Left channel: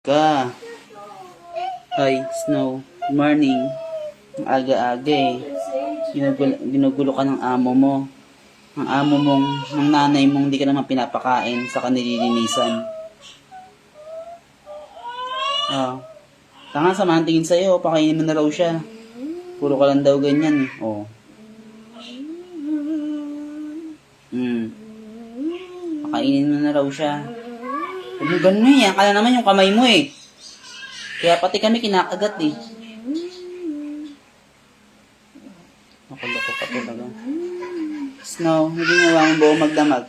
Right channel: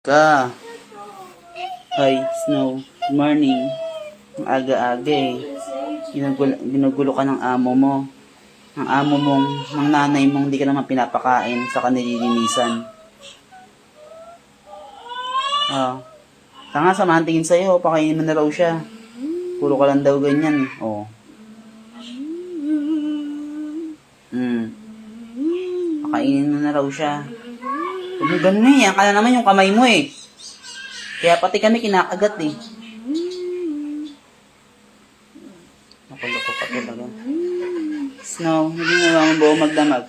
Ka. Hi, Snow. Good morning. Ang aga-aga eh. Ginugulo ka ng amo mo. Ang amo mong, ng nanay mong hindi ka naman pinapakain sa kanililinisan. Ah. Tanga, samahan tingin sa'yo. Pakainin mo na raw siya. Puro ka lang daw ganyan eh. Oh. Pakainin mo na raw siya. Huwag mo ganun eh. Yan ka na naman yung kamay mo eh. Kaya pati kami kinakagat eh. Nakuloko pa talaga. Snow, hindi nga mo buo magdamag.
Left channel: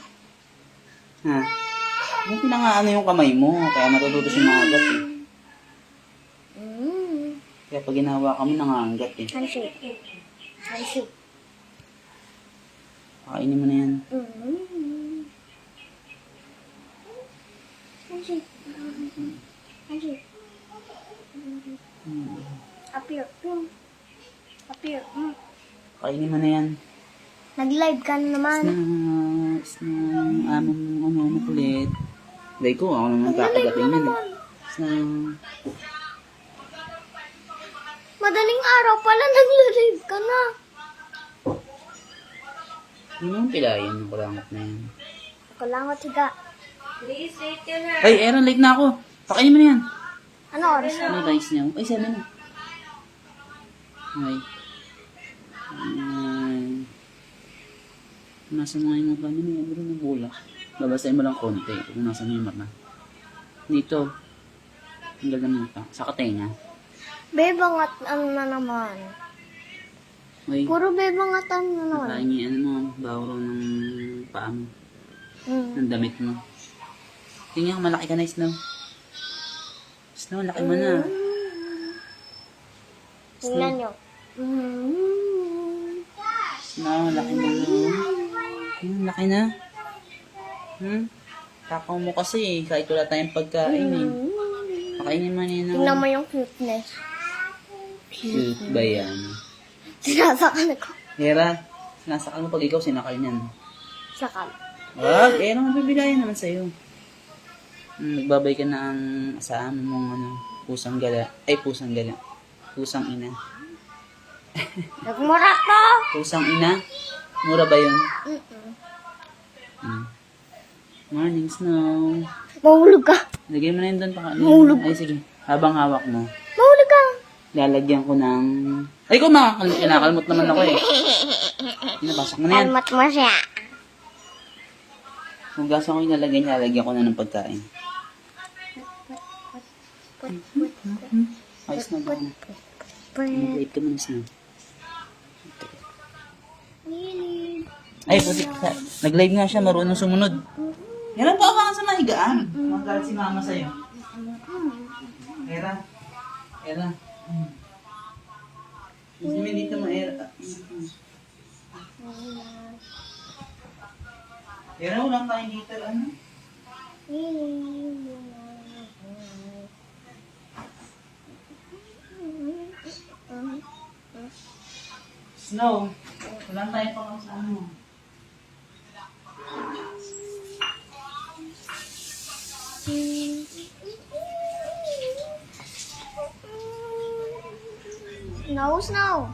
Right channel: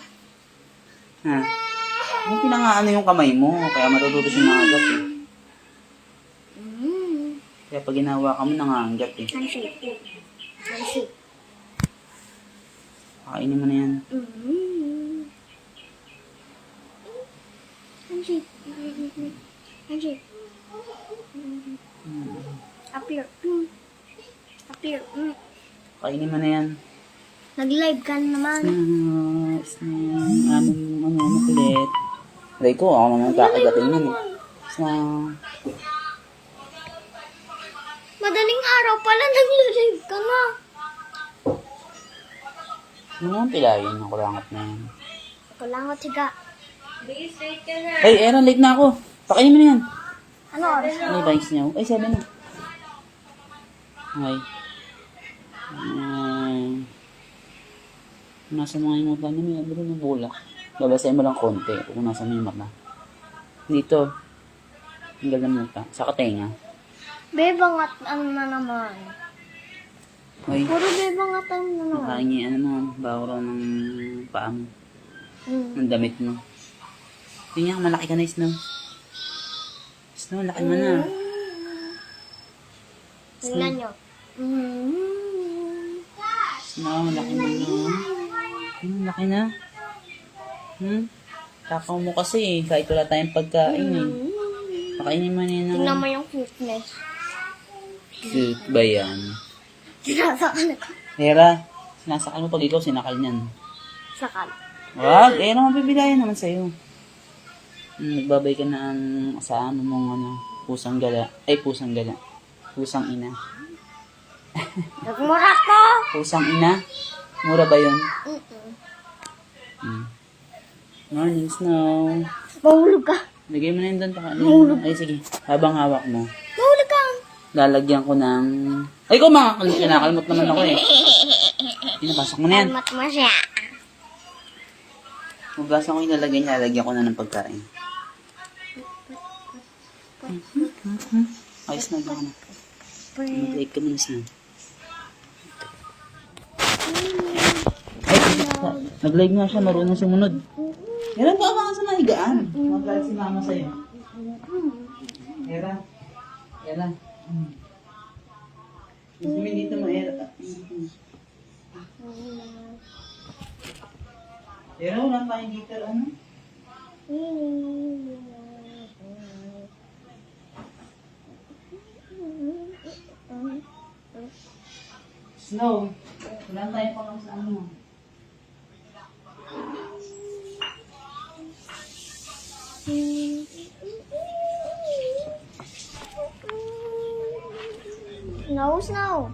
Ha? Yung pinangaano yung kamay mo. Kaya matututo siya nangagat eh. Kaya pag ginawa ka mo, nangangagat eh. Pakainin mo na yan. Kainin mo na yan. Nag-live ka na naman. Snow, ano kulit. Aray ko, ako naman kakagatin yan eh. Snow. Madaling araw pala, nag-live ka na. Ano naman pilayin ng kulangat na yan? Ako lang ako tiga. Ay, Aaron, late na ako. Pakainin mo na yan. Ano oras? Ano yung rice niya? Ay, 7 na. Ay. Nasa mga yung mata niya, may abro na bola. Babasahin mo lang konti kung nasa may mata. Dito. Hanggal na muta. Sa katenga. Bebangat ano na naman. Ay, Puro bebangat ano na naman. nakahingi, ano mo, bago raw ng paa mo. Ng damit mo. Tingnan, malaki ka na, Snow. Snow, laki mo na. Tingnan nyo. Snow, laki mo na. Laki na. Takaw mo kasi eh. Kahit wala tayong pagkain eh. Pakainin mo na yun. Tingnan mo yung cuteness. Cute ba yan? Sinasakal ko. Hera, sinasakal mo pag ikaw sinakal niyan. Sakal. Wag, eh naman bibilayan naman sa'yo. Nagbabay ka na ang sa ano mong ano, pusang gala. Ay, pusang gala. Pusang ina. Nagmura ka. Pusang ina? Mura ba yun? Morning, Snow. Mahulog ka. Lagay mo na yun doon. Mahulog. Ay, sige. Habang hawak mo, Mahulog ka. lalagyan ko ng... Ay, ko nakakalmot naman ako eh. Pinapasok mo na yan. Almat mo siya. Hugasan ko yung lalagyan ko na ng pagkain. Ayos na, gawin na. Nag-live ka muna, Snow. Ay, nag-live nga siya, marunong sumunod. Hera, baka ka sa mahigaan. Magalit si mama sa'yo. Hera. Hera. Gusto mo dito mo, Hera. Hera, walang tayo dito, ano? Snow, walang tayo pa lang sa ano. No, Snow.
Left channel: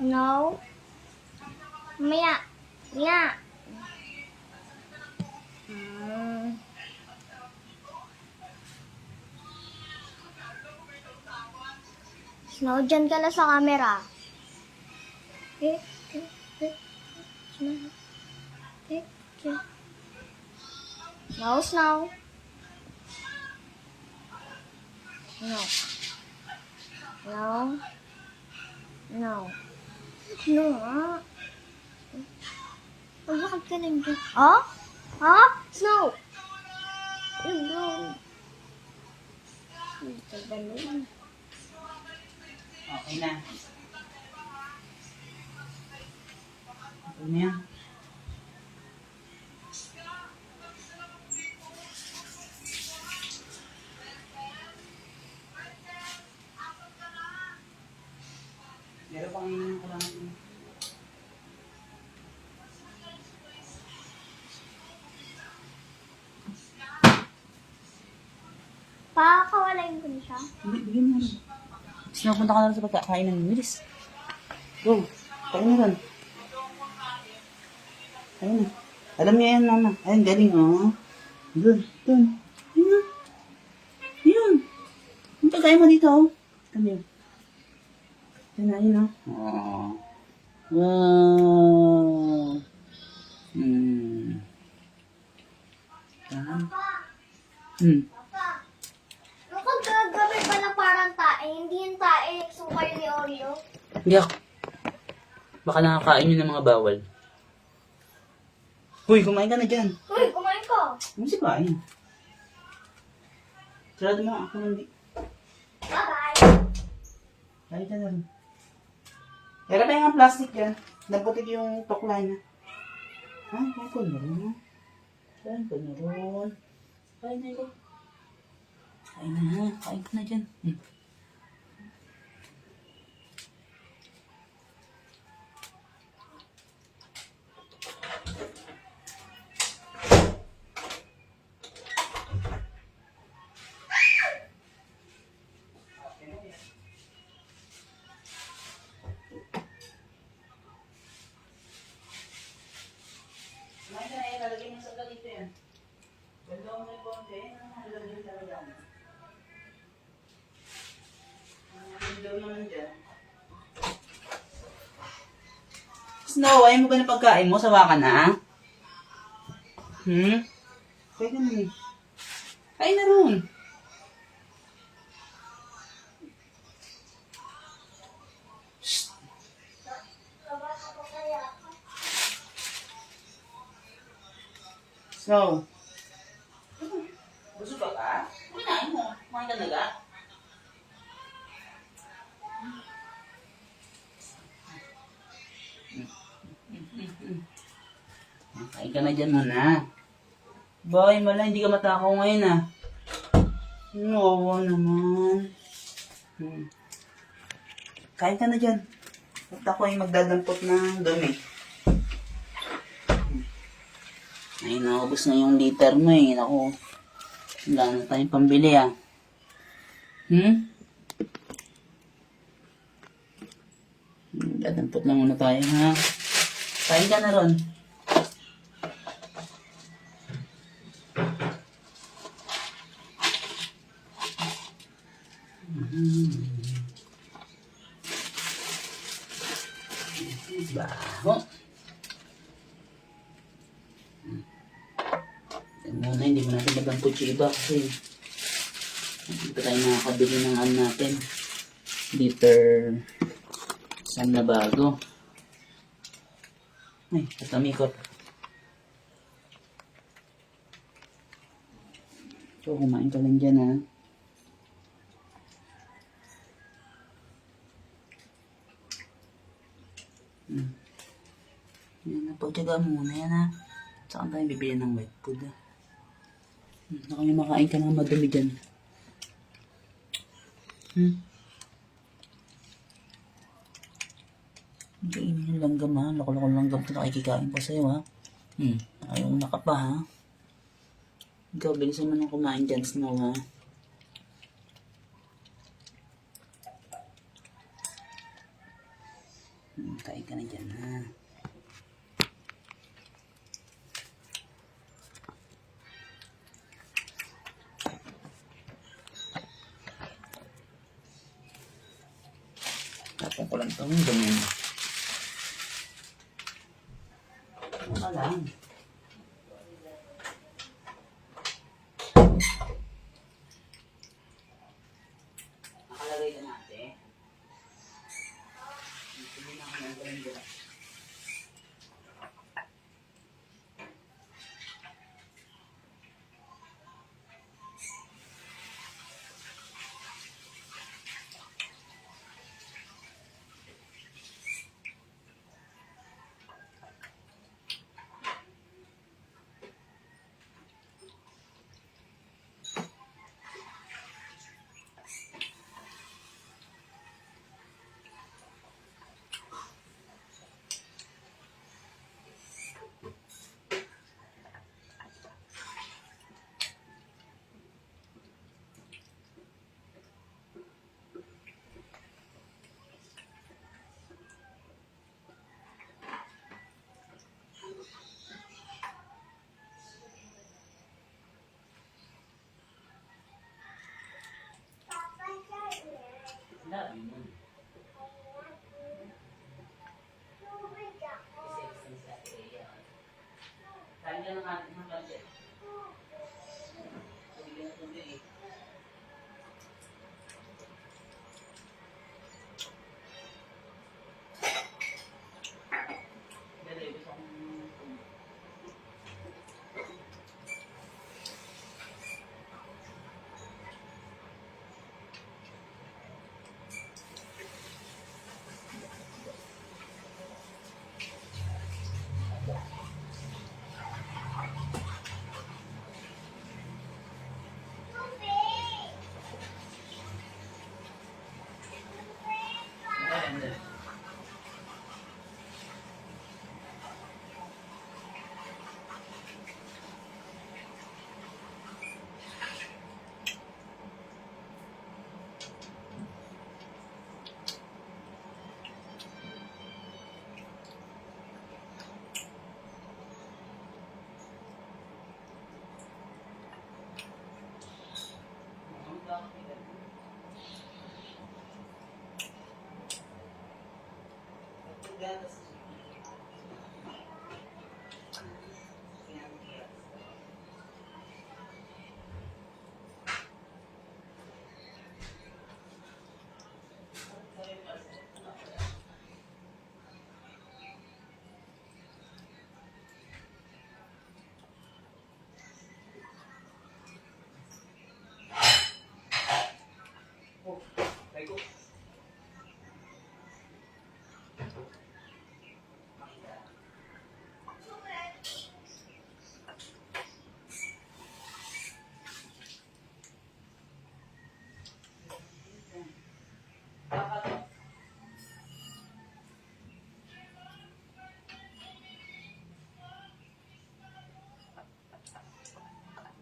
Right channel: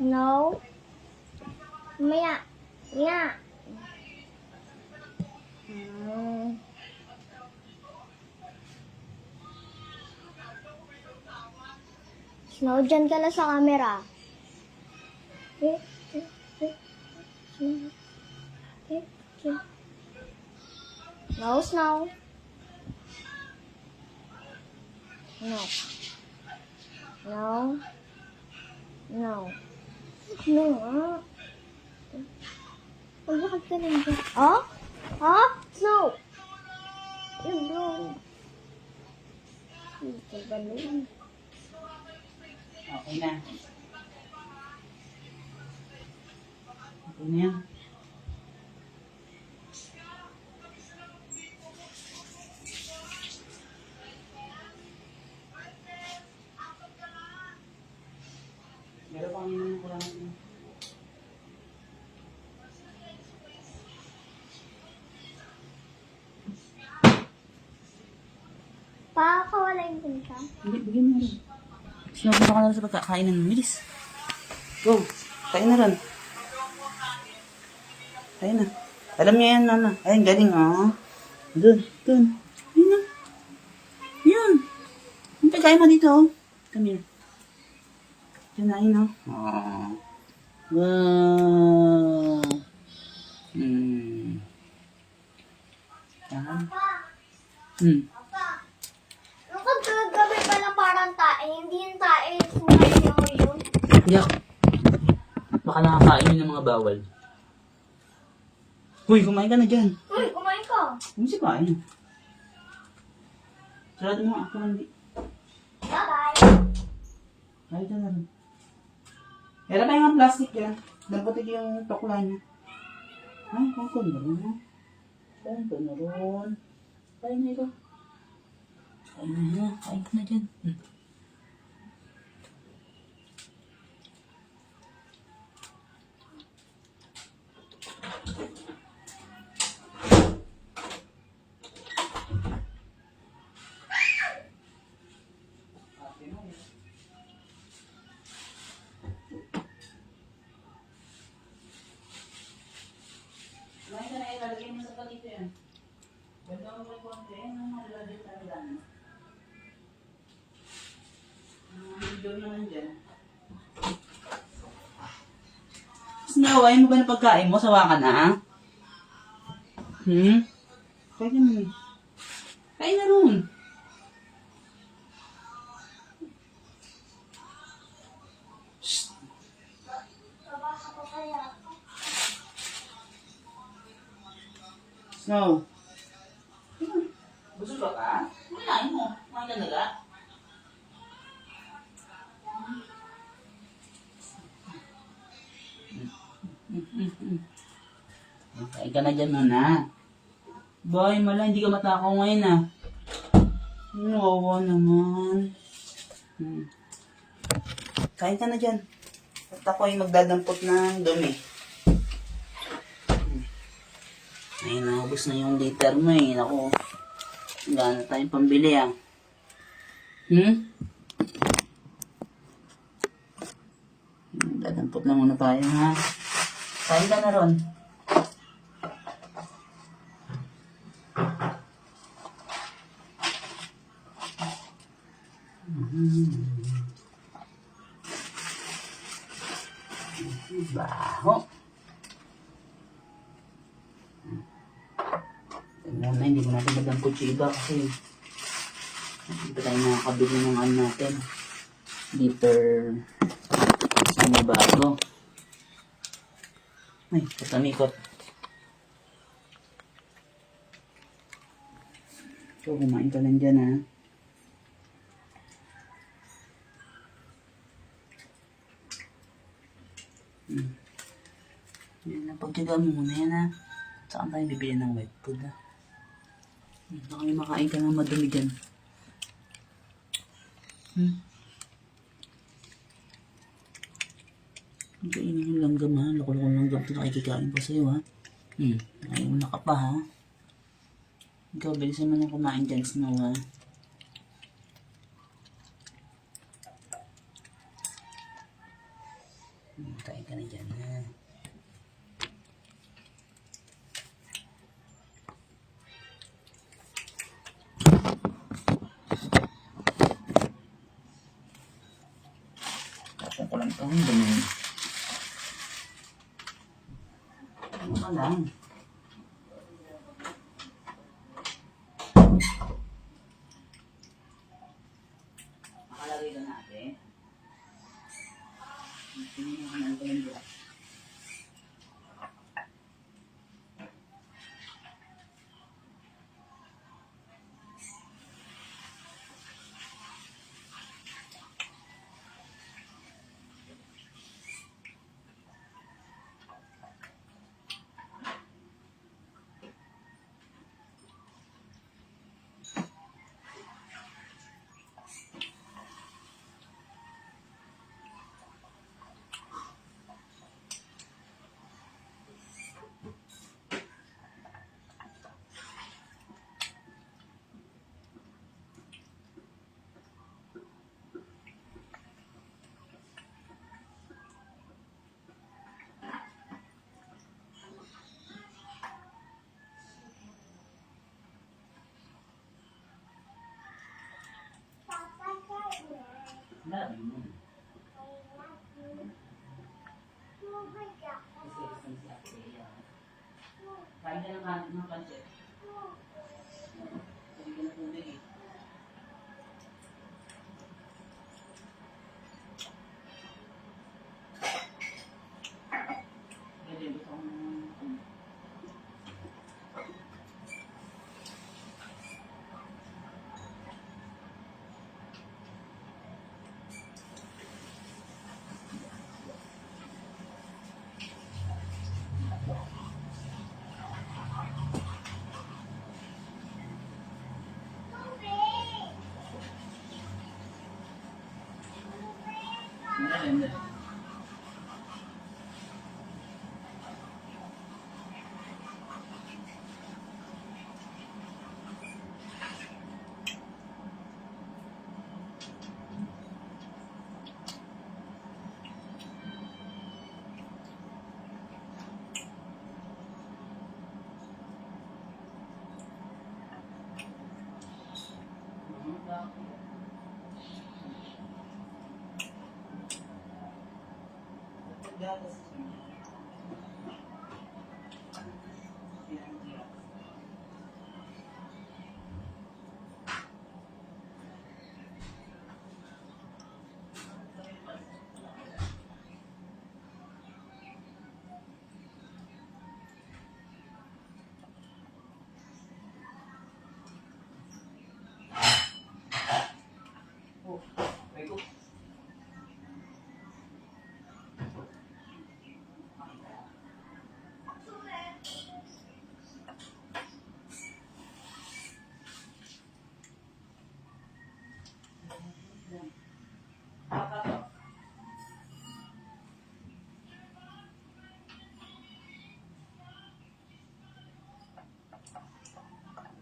No. Maya. Yeah. Snow, dyan ka na sa camera. No, Snow. No. No. No. No, ah. Bakit ka lang dyan? Ah? Ah? Snow! No. Ganun. Okay na. Ito na yan. Meron pang yung kalamat mo. Pakakawalain ko na siya. Hindi, bigyan mo rin. Sinabuna ka na rin sa pagkakainan. Bilis. Go. Kain na rin. Kain na. Alam niya yan, mama. Ayun, galing, oh. Dun. Ayun na. Yun. Yung pagkain mo dito, oh. Come here. Yan na, ayun, oh. Oh. Wow. Nung kagagabi pa lang parang tae, hindi yung tae, sumayo yun. Yak. Baka nakakain yun ng mga bawal. Uy, kumain ka na dyan. Uy, kumain ka. Ano si kain? Sarado mo ako hindi. Bye-bye. Kain ka na rin. Pero pa yung plastic dyan. Nabutik yung tukla niya. Ay, kain ko na rin. Kain ko na rin. Kain na ito. Kain na. Kain ko na dyan. Kumain ka na, ilalagay mo sa palito yan. Ganda mo may konti, ilalagay talaga. Daw naman dyan. Snow, ayaw mo ba na pagkain mo? Sawa ka na? Kain ka na eh. Kain na ron. Shh. Snow. Busog ka ka? Kumain mo. Kumain ka talaga? Kain ka na dyan muna. Boy, mala, hindi ka matakaw ngayon ah. Nawawa naman. Kain ka na dyan. At ako ay magdadampot ng dumi. Ay, naubos na yung liter mo eh. Naku, wala na tayong pambili ah. Dadampot lang muna tayo ha. Kain ka na ron. Baho. Muna, hindi mo natin nadampot yung iba kasi hindi pa tayo nakakabili ng ano natin. Liter isang na bago. Ay, patamikot. So, kumain ka lang dyan ha. Yan na, pagtyaga muna yan ha. Saan tayo bibili ng wet food ha? Baka may makain ka ng madumi dyan. Hindi kainin yung langgam ha. Lako-lako langgam ito nakikikain pa sa'yo ha. Ayaw na ka pa ha. Ikaw, bilisan mo nang kumain dyan, Snow ha. Kain ka na dyan ha. Tapos ko lang itong dumi. Wala lang. Nakalagay ka natin. Hindi na ako ng kalendra. sabi mo. Kasi gusto mo si Ate Rhea. Kain ka ng pancit. Sabi ka na tubig eh. Pero gusto kong hindi. Gatas siya. Kaya oh, ay ko.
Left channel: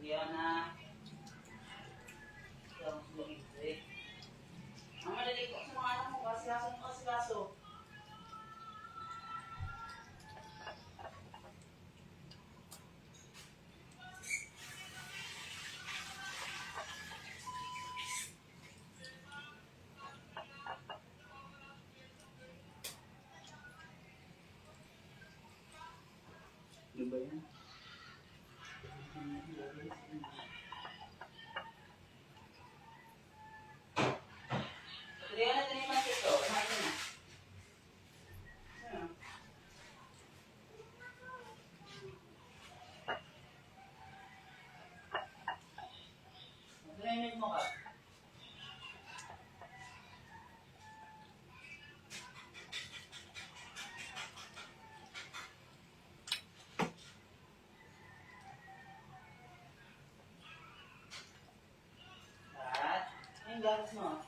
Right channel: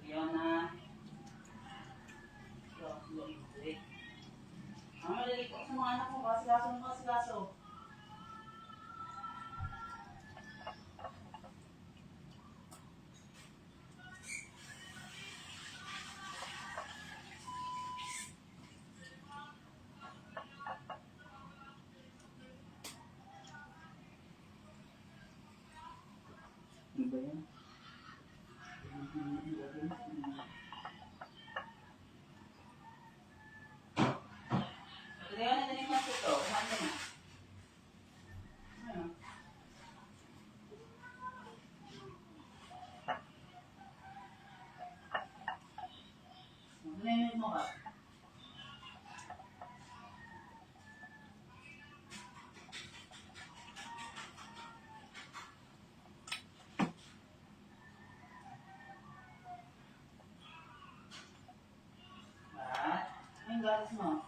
Rihanna. Ang malalik ko sa mga anak ko, kasigaso ng kasigaso. Ano ba yan? Rihanna, ito yung masik to. Kumain ka na. Ayun. Mag-limit mo ka. At, yung gatas mo.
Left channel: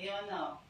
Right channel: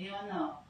Rihanna.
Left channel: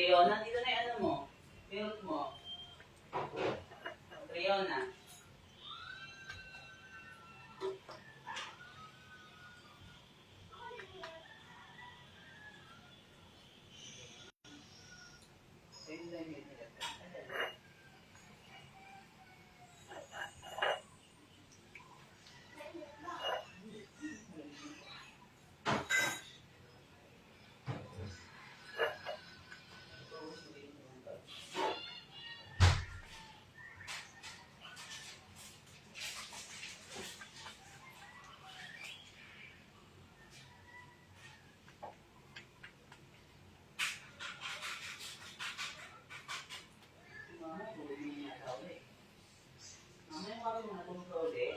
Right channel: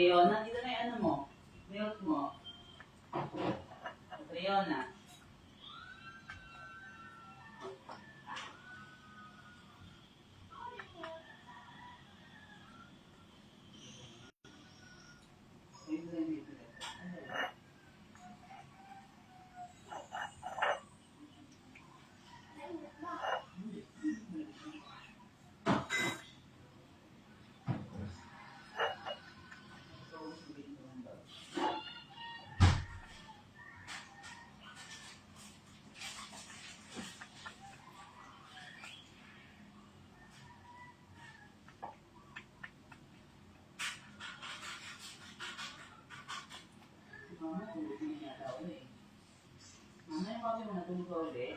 Catriona, dito na yung ano mo. Milk mo. Catriona. Ayun lang yung milk. Mama, tulog na niya daw eh. Mama, yung kape mo natulog ka ulit.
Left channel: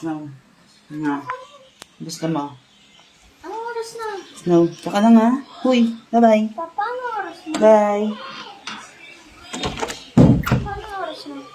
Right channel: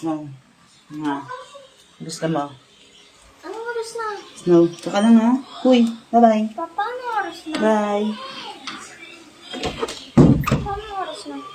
Snow. Nga. Gusto mo? Anong oras na? Snow. Tsaka lang ha. Huy. Bye-bye. Papa, anong oras na? Bye. Papa, anong oras na?